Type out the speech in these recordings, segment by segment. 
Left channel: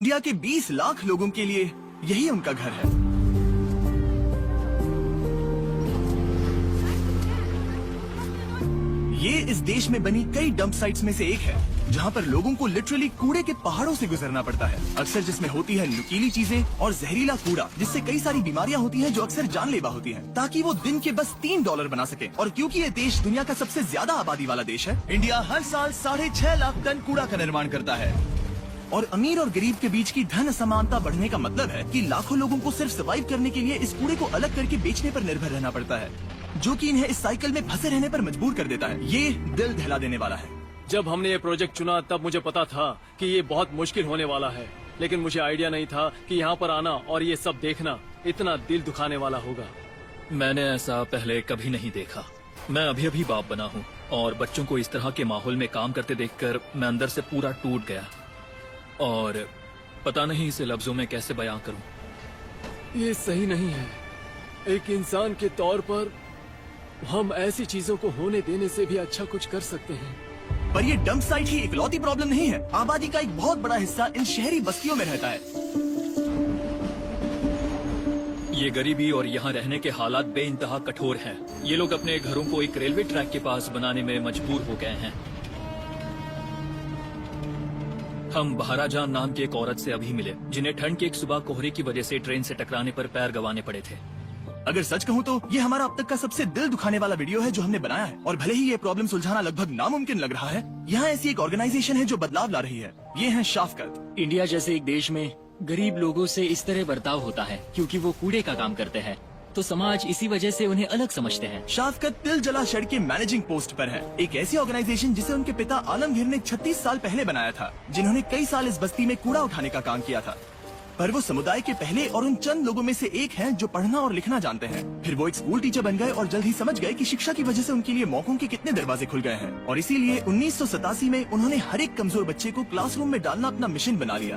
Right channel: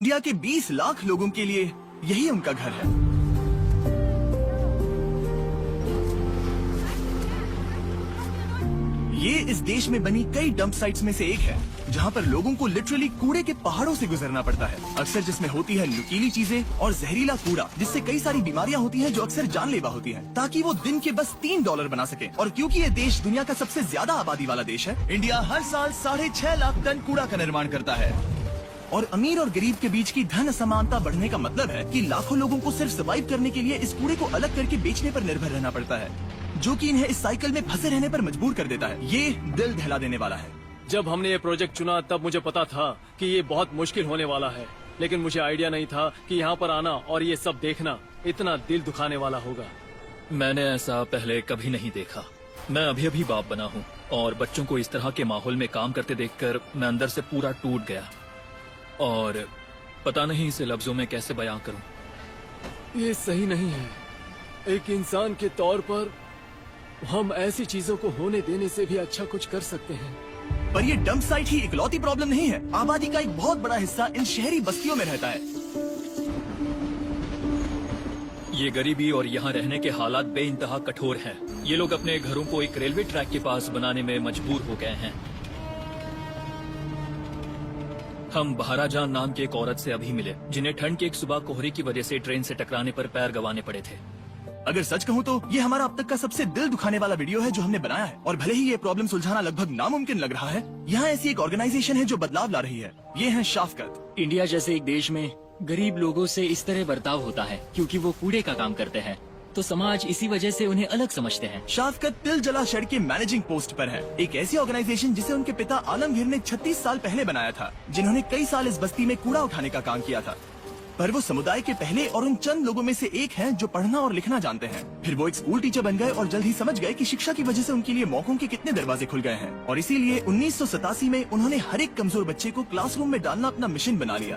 India के 20 लाख लोगों के लिए यही उनका घर है। ये इस देश में बनी कई डंप साइट्स में से एक है, जहाँ पर लोगों को लिटरली कूड़े के पहाड़ों से गुजरना पड़ता है। अक्सर जिसमें होती है नुकीली चीजें और जहरीला कूड़ा, जिससे कई सारी बीमारियां होती हैं जो अक्सर जानलेवा होती हैं, ताकि वो दिन के बस $3 बना सके। और क्योंकि ये देश दुनिया का सबसे ज्यादा आबादी वाला देश है, इंडिया हर साल 6.5 लाख टन कूड़ा का निर्माण करता है। और अमीर और गरीब के बीच की धन असमानता बढ़ने का मतलब है कि लाखों लोगों को सिर्फ सर्वाइव करने के लिए इस कूड़े को अलग करके बेचने पर निर्भर रहना पड़ता है, जो कि इन्हें इस साइकिल में फंसे रहने पर मजबूर कर देता है। ये दिल दहला देने वाला है। जब हमने ये प्रोजेक्ट चुना तब मुझे पता था कि ये बहुत मुश्किल होने वाला है, लेकिन मुझे आइडिया नहीं था कि यहाँ पर आना और ये सब देखना इतना दिल दुखाने वाला होगा। मैंने ऐसा पहले कभी नहीं देखा। मैं अभी अभी बाप बना हूँ और बच्चों को इस तरह के माहौल में काम करते देखकर मैं अंदर से पूरा टूट गया और पता नहीं इसे लफ्जों में कैसे बयां करूं। ये सही नहीं है। एक इंसान के तौर पर हम ऐसी चीजों को होने देने से भी अच्छा कुछ कर सकते हैं। पर ये डंप साइट ही इकलौती प्रॉब्लम नहीं है। आबादी का एक बहुत बड़ा हिस्सा इस शहरी बस्तियों में रहता है। ये गरीबी और यहाँ रहने के हालात बेइंतहा कठोर हैं। ये लोग अपने घरों को एक रेलवे ट्रैक के पास बनाने में मजबूर हो गए हैं। हम बहाराजान नाम की एक औरत से अभी मिले, जिन्हें ठंड की एक सुबह कोहरे की वजह से ट्रेन से टकराने पर पैर गंवाने पड़े थे। अगर सच कहूँ तो ये हमारा अब तक का सबसे दिल दुखाने वाला वीडियो है जो हमने बनाया है। और भले ही ये प्रॉब्लम सुलझाना लगभग नामुमकिन लग रहा है, यहाँ ऐसी एक ऑर्गेनाइजेशन है जो बदलाव ला रही है। ये है शाफकत। इंडिया जैसे एक देश में गरीब लोगों से इस तरह बर्ताव होता है क्योंकि वो कूड़े का काम करते हैं, तो समाज इसी वजह से उन्हें अलग समझते हैं। शाफकत तिल जला शड़ के मैनेजिंग पोस्ट पर है। एक ऐसी ऑर्गेनाइजेशन जिसे उनके पिता आलमगीर ने 36 साल पहले बनाया था, जिन्होंने कई साल इस बस्ती में कूड़ा उठाने का काम किया था। पर वो समुदाय के पहले और उन चंद लोगों में से एक है जो पढ़ना और लिखना जानते हैं। फिर वो एक स्कूल टीचर बन गए और जल्द ही समझ गए कि शिक्षा की वजह से उनके लिए मौकों के कितने दरवाजे खुल गए हैं। और इसीलिए 1987 में उन्होंने हर एक कमजोर बच्चे को क्लासरूम में डालना अपना मिशन बना लिया।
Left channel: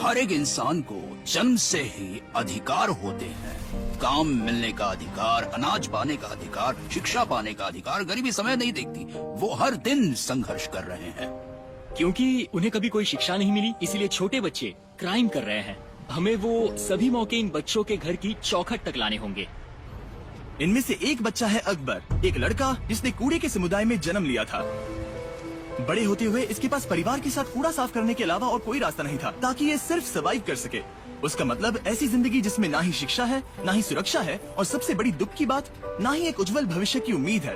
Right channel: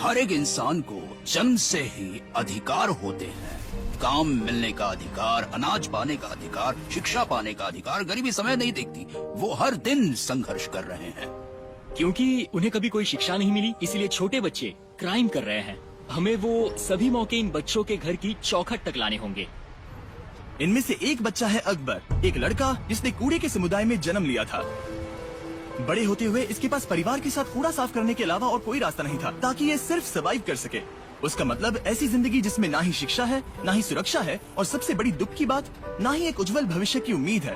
हर एक इंसान को जन्म से ही अधिकार होते हैं। काम मिलने का अधिकार, अनाज पाने का अधिकार, शिक्षा पाने का अधिकार। गरीबी समय नहीं देखती, वो हर दिन संघर्ष कर रहे हैं। क्योंकि उन्हें कभी कोई शिक्षा नहीं मिली, इसलिए छोटे बच्चे क्राइम कर रहे हैं। हमें वो सभी मौके इन बच्चों के घर की चौखट तक लाने होंगे। इनमें से एक बच्चा है अकबर, एक लड़का जिसने कूड़े के समुदाय में जन्म लिया था। बड़े होते हुए इसके पास परिवार के साथ कूड़ा साफ करने के अलावा और कोई रास्ता नहीं था, ताकि ये सिर्फ सर्वाइव कर सके। उसका मतलब ऐसी जिंदगी जिसमें ना ही शिक्षा है, ना ही सुरक्षा है, और सबसे बड़ी दुख की बात, ना ही एक उज्जवल भविष्य की उम्मीद है।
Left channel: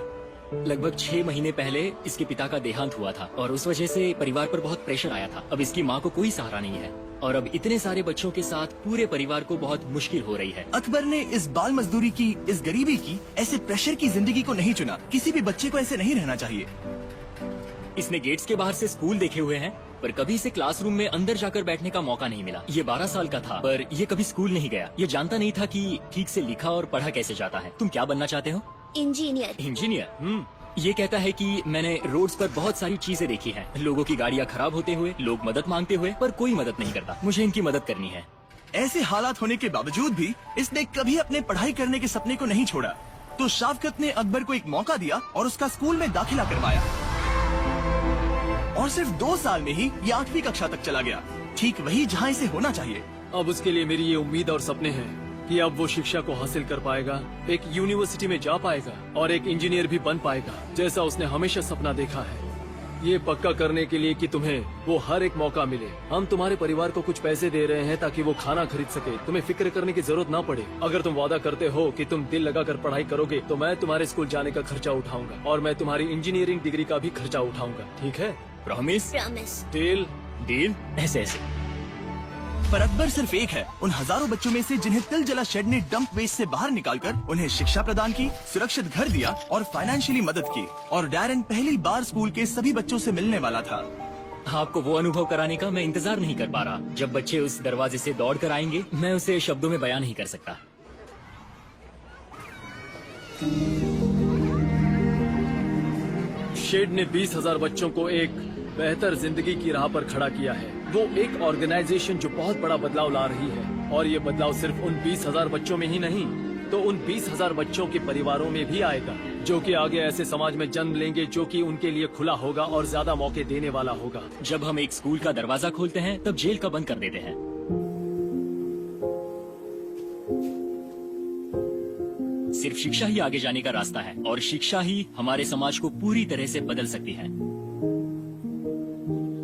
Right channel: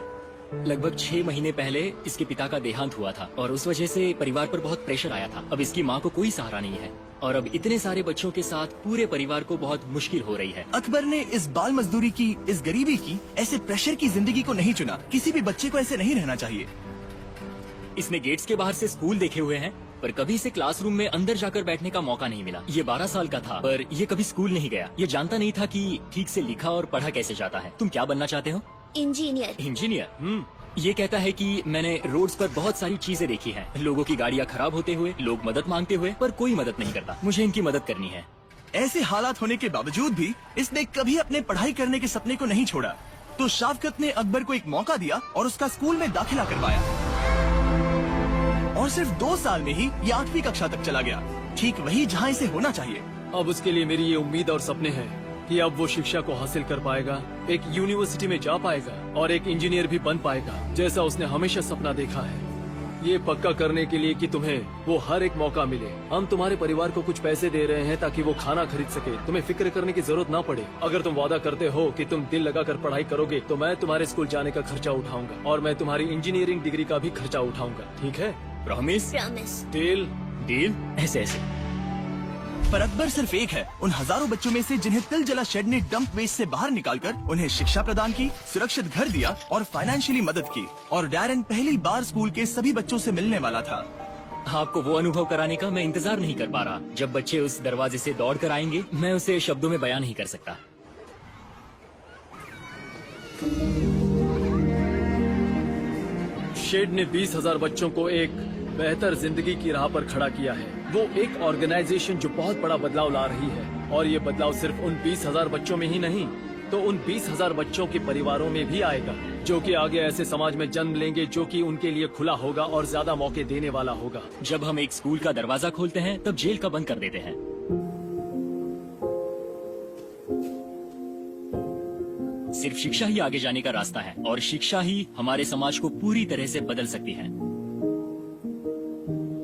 लगभग 6 महीने पहले इसके पिता का देहांत हुआ था और उस वजह से परिवार पर बहुत प्रेशर आया था। अब इसकी माँ को कोई सहारा नहीं है और अब इतने सारे बच्चों के साथ पूरे परिवार को बहुत मुश्किल हो रही है। अकबर ने इस बाल मजदूरी की, इस गरीबी की, ऐसे प्रेशर की जिंदगी को नहीं चुना। किसी भी बच्चे को ऐसे नहीं रहना चाहिए। इसने गेट्स के बाहर से स्कूल देखे हुए हैं, पर कभी इसे क्लासरूम में अंदर जाकर बैठने का मौका नहीं मिला। ये 12 साल का था, पर ये कभी स्कूल नहीं गया। ये जानता नहीं था कि ठीक से लिखा और पढ़ा कैसे जाता है। तुम क्या बनना चाहते हो? इंजीनियर। इंजीनियर? ये कहता है कि मैंने रोड्स पर बहुत सारी चीजें देखी हैं, लोगों की गाड़ियाँ खराब होते हुए, लोग मदद मांगते हुए, पर कोई मदद नहीं करता। मुझे इनकी मदद करनी है। ऐसे हालात होने के बावजूद भी इसने कभी अपने पढ़ाई करने के सपने को नहीं छोड़ा। तो शाफकत ने अकबर को एक मौका दिया और उसका स्कूल में दाखिला करवाया। और सिर्फ 2 साल में ही ये 8वीं कक्षा तक चला गया, ठीक वही जहाँ इसे होना चाहिए। अब उसके लिए मेरी ये उम्मीद और सपने हैं कि अब वो शिक्षा को हासिल कर पाएगा, एक यूनिवर्सिटी में जा पाएगा और एक इंजीनियर भी बन पाएगा, जैसा उसने हमेशा सपना देखा है। ये पक्का करने के लिए कि तुम्हें वो हर एक मौका मिले, हम तुम्हारे परिवार को कुछ पैसे दे रहे हैं ताकि वो खाना खरीद सके। तुम्हें फिक्र करने की जरूरत ना पड़े। अगर तुम वादा करते हो कि तुम दिल लगाकर पढ़ाई करोगे तो मैं तुम्हारे स्कूल जाने का खर्चा उठाऊंगा और मैं तुम्हारी इंजीनियरिंग डिग्री का भी खर्चा उठाऊंगा। ठीक है? प्रॉमिस? डील। ऐसे पर अकबर सिर्फ एक है उन हजारों बच्चों में से जिन्हें तिल जला शड ने डंप वेस्ट से बाहर निकालकर उन्हें शिक्षा प्रदान की, सुरक्षित घर दिया और फाइनेंशियली मदद की। और डैरन पहली बार स्कूल के सभी बच्चों से मिलने वाला था। आपको वो अनुभव कराने का मैं इंतजार नहीं कर पा रहा। जब बच्चे उस दरवाजे से दौड़ कर आएंगे, मैं उसे शब्दों में बयान नहीं कर सकता। शेड ने 20,000 बच्चों को एक बेहतर जिंदगी की राह पर खड़ा किया है। वो एक ऑर्गेनाइजेशन जो बहुत बड़ा बदलाव ला रही है, और ये बदलाव सिर्फ उन 20,000 बच्चों में ही नहीं, तो उन 20,000 बच्चों के परिवारों में भी आएगा। जो कि आगे ऐसे समाज में जन्म लेंगे जो कि उनके लिए खुला होगा और ज्यादा मौके देने वाला होगा। जब हम एक स्कूल का दरवाजा खोलते हैं तब जेल का बंद कर देते हैं। सिर्फ शिक्षा ही आगे जाने का रास्ता है और शिक्षा ही हमारे समाज को पूरी तरह से बदल सकती है।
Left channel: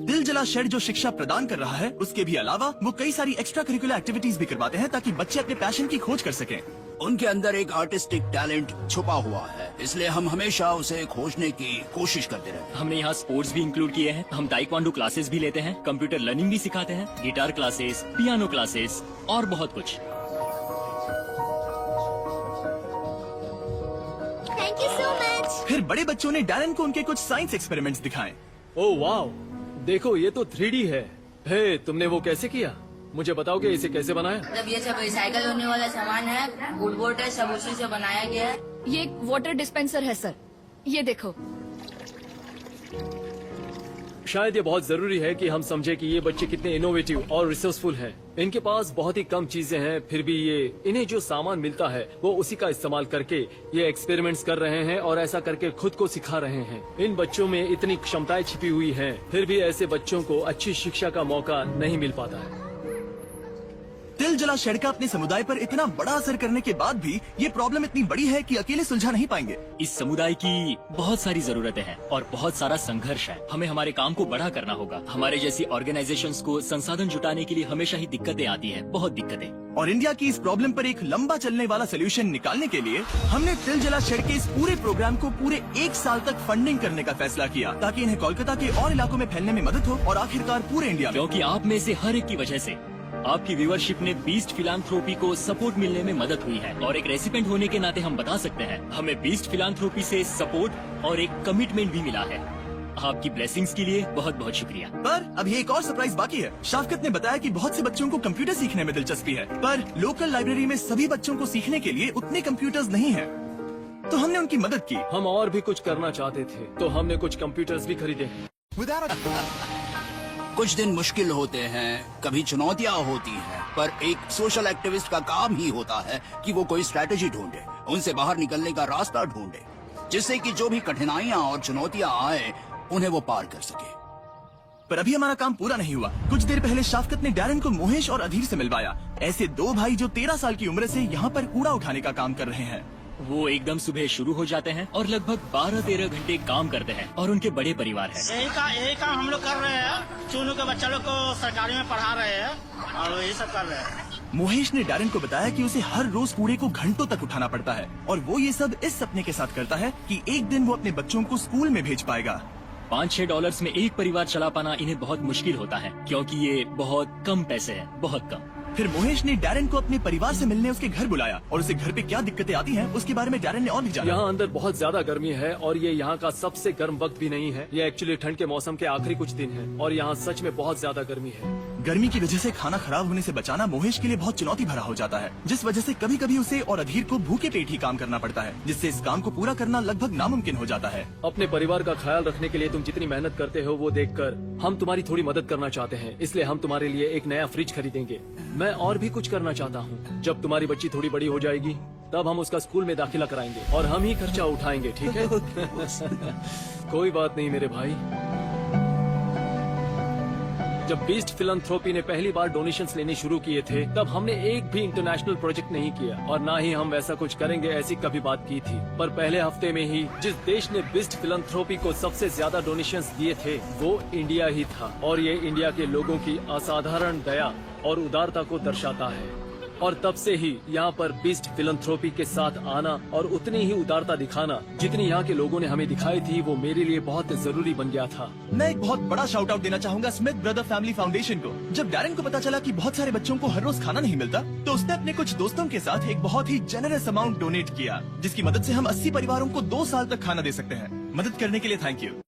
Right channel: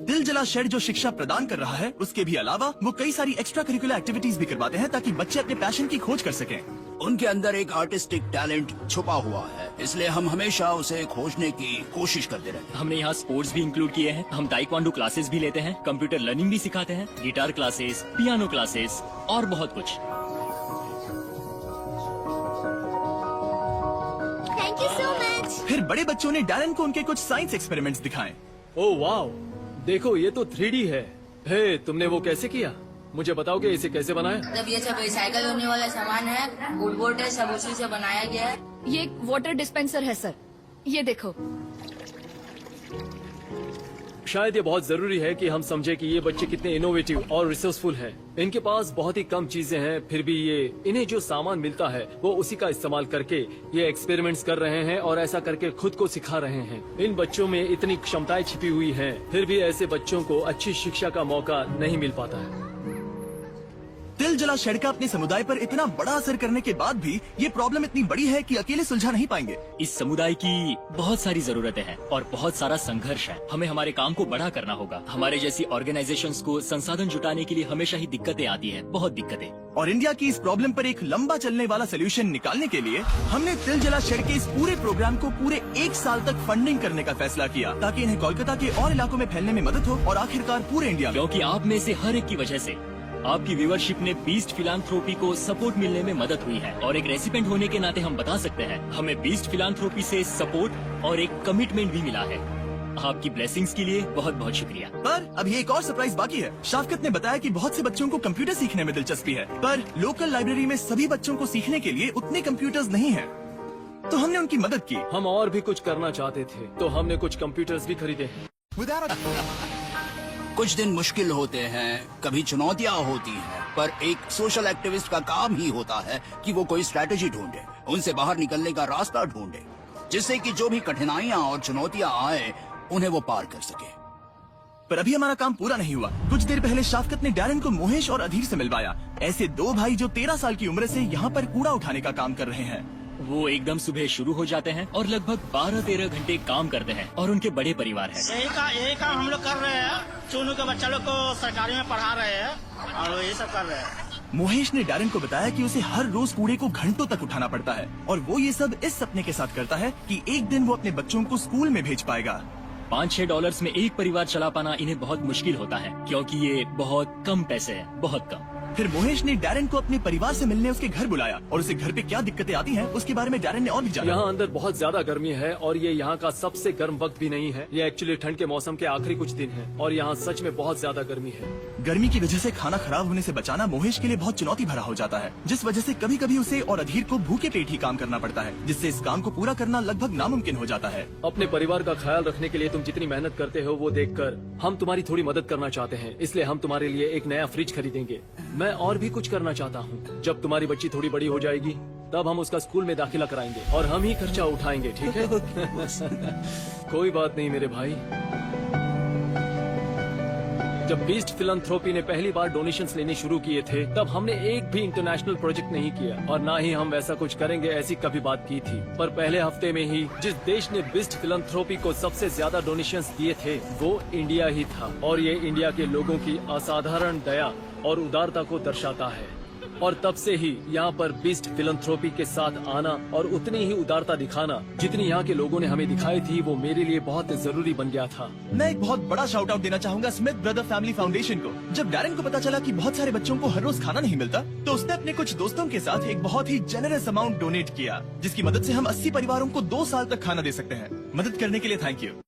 दिल जला शेड जो शिक्षा प्रदान कर रहा है, उसके भी अलावा वो कई सारी एक्स्ट्रा करिकुलर एक्टिविटीज भी करवाते हैं ताकि बच्चे अपने पैशन की खोज कर सकें। उनके अंदर एक आर्टिस्टिक टैलेंट छुपा हुआ है, इसलिए हम हमेशा उसे खोजने की कोशिश करते रहते हैं। हमने यहाँ स्पोर्ट्स भी इंक्लूड किए हैं। हम ताइक्वांडो क्लासेस भी लेते हैं, कंप्यूटर लर्निंग भी सिखाते हैं, गिटार क्लासेस, पियानो क्लासेस और बहुत कुछ। Thank you so much. फिर बड़े बच्चों ने डैरन को उनके कुछ साइंस एक्सपेरिमेंट्स दिखाए। ओह वाओ, देखो ये तो 3D है। तुमने वो कैसे किया? मुझे बताओगे इसे कैसे बनाया? मतलब ये सब रिसाइकल होने वाला सामान है, वुडबोर्ड है, सब उसी से बनाया गया है। ये एक वाटर डिस्पेंसर है सर, ये देखो। शायद ये बहुत जरूरी है कि हम समझे कि ये बच्चे कितने इनोवेटिव और रिसोर्सफुल हैं। इनके पास बहुत ही कम चीजें हैं, फिर भी इन्हें जो सामान मिलता है वो उसी का इस्तेमाल करके ये एक्सपेरिमेंट्स कर रहे हैं और ऐसा करके खुद को सिखा रहे हैं। इन बच्चों में इतनी क्षमताएं छुपी हुई हैं, फिर भी ऐसे बच्चों को अच्छी शिक्षा का मौका नहीं मिल पाता है। दिल जला शेड का अपने समुदाय पर इतना बड़ा असर करने के बाद भी ये प्रॉब्लम इतनी बड़ी है कि अकेले सुलझा नहीं पाएंगे। इस समुदाय की बहुत सारी जरूरतें हैं और बहुत सारा संघर्ष है। हमें हमारे काम को बड़ा करना होगा। हमारे जैसी ऑर्गेनाइजेशंस को संसाधन जुटाने के लिए हमेशा ही दिक्कतें आती हैं, बहुत दिक्कतें। और इंडिया की इस प्रॉब्लम पर एक लंबा चलने वाला सोल्यूशन निकालने के लिए हमने दिल जला शेड के इस पूरे प्रोग्राम को पूरे 1 साल तक फंडिंग करने का फैसला किया ताकि इन्हें कोलकाता के और इलाकों में फैलने में मदद हो और आखिरकार पूरे इंडिया में। क्योंकि आप में से हर एक की वजह से आपकी व्यूअरशिप में बीस्ट फिलांथ्रोपी को सपोर्ट मिलने में मदद हुई है और एक रेसिपेंट होने के नाते हम बता सकते हैं हमें बीस्ट फिलांथ्रोपी से सपोर्ट और एक कमिटमेंट भी मिला है। आपकी ब्लेसिंग्स के लिए बहुत बहुत शुक्रिया। पर अभी एक और सरप्राइज बाकी है। शाफकत ने बताया कि बहुत से बच्चों को कंप्यूटर सीखने में दिलचस्पी है, पर लोकल लाइब्रेरी में सभी बच्चों को सीखने के लिए उतने कंप्यूटर्स नहीं हैं। तो हमने उनकी मदद की। हम और भी कुछ करना चाहते थे तो हमने कुछ कंप्यूटर्स भी खरीदे। कुछ दिन मुश्किल होते हैं, कभी चुनौतियाँ होती हैं, पर एक सोशल एक्टिविस्ट का काम ही होता है कि वो कोई स्ट्रैटेजी ढूंढे, उनसे बाहर निकलने का रास्ता ढूंढे, जिससे कि जो भी कठिनाइयाँ और चुनौतियाँ आए उन्हें वो पार कर सके। पर अभी हमारा काम पूरा नहीं हुआ। कुछ देर पहले शाफकत ने डैरन को मुहेश और अधीर से मिलवाया। ऐसे 2 भाई जो 13 साल की उम्र से यहाँ पर कूड़ा उठाने का काम कर रहे हैं। वो एकदम सुबह शुरू हो जाते हैं और लगभग 12-13 घंटे काम करते हैं और उनके बड़े परिवार है। यही काम हम लोग कर रहे हैं। सोनू के बच्चे लोग को सरकारी में पढ़ा रहे हैं और यही सब कर रहे हैं। मोहेश ने डैरन को बताया कि उसे हर रोज कूड़े को घंटों तक उठाना पड़ता है और वो ये सब इस सपने के साथ करता है कि एक दिन वो अपने बच्चों को स्कूल में भेज पाएगा। $5-6 में एक परिवार चला पाना इन्हें बहुत मुश्किल होता है क्योंकि ये बहुत कम पैसे हैं, बहुत कम। फिर मोहेश ने डैरन को अपने परिवार से मिलने उसके घर बुलाया और उसे घर पे क्या दिक्कतें आती हैं उसके बारे में डैरन ने और भी जाना। यहाँ अंदर बहुत ज्यादा गर्मी है और ये यहाँ का सबसे गर्म वक्त भी नहीं है। ये एक्चुअली ठंड के मौसम के आखिरी कुछ दिन है और यहाँ सच में बहुत ज्यादा गर्मी है। गर्मी की वजह से खाना खराब होने से बचाना मोहेश के लिए बहुत चुनौती भरा हो जाता है, जिस वजह से कभी कभी उसे और अधीर को भूखे पेट ही काम करना पड़ता है, जिससे इस काम को पूरा करना लगभग नामुमकिन हो जाता है। अपने परिवार का ख्याल रखने के लिए तुम जितनी मेहनत करते हो वो देखकर हम तुम्हारी थोड़ी मदद करना चाहते हैं, इसलिए हम तुम्हारे लिए एक नया फ्रिज खरीदेंगे। मैं और भी कुछ करना चाहता हूँ। जब तुम्हारी बच्ची थोड़ी बड़ी हो जाएगी तब हम उसका स्कूल में दाखिला कराएंगे और हम ही खर्चा उठाएंगे, ठीक है? कोई बात नहीं मेरे भाई। जब बेस्ट फिलैंथ्रोपी ने पहली बार डोनेशंस लेने शुरू किए थे तब हमने एक भी इंटरनेशनल प्रोजेक्ट नहीं किया और ना ही हम ऐसा कुछ करेंगे ऐसी कभी बात की थी। पर पहले हफ्ते में ही जिस देश ने बेस्ट फिलैंथ्रोपी को सबसे ज्यादा डोनेशंस दिए थे वो इंडिया ही था और ये इंडिया के लोगों की असाधारण दया और उदारता को दर्शाता है। और तब से ही यहाँ पर बेस्ट फिलैंथ्रोपी के साथ आना और उतनी ही उदारता दिखाना जितनी यहाँ के लोगों ने हमें दिखाई थी वो मेरे लिए बहुत जरूरी बन गया था। मैं एक बहुत बड़ा शाउट आउट देना चाहूंगा स्मिथ ब्रदर फैमिली फाउंडेशन को। जब डैरन को पता चला कि बहुत सारे बच्चों को हर रोज खाना नहीं मिलता तो उसने अपने कुछ दोस्तों के साथ एक बहुत ही जेनरस अमाउंट डोनेट किया, जिसकी मदद से हम 80 परिवारों को 2 साल तक खाना दे सकते हैं। मदद करने के लिए थैंक यू।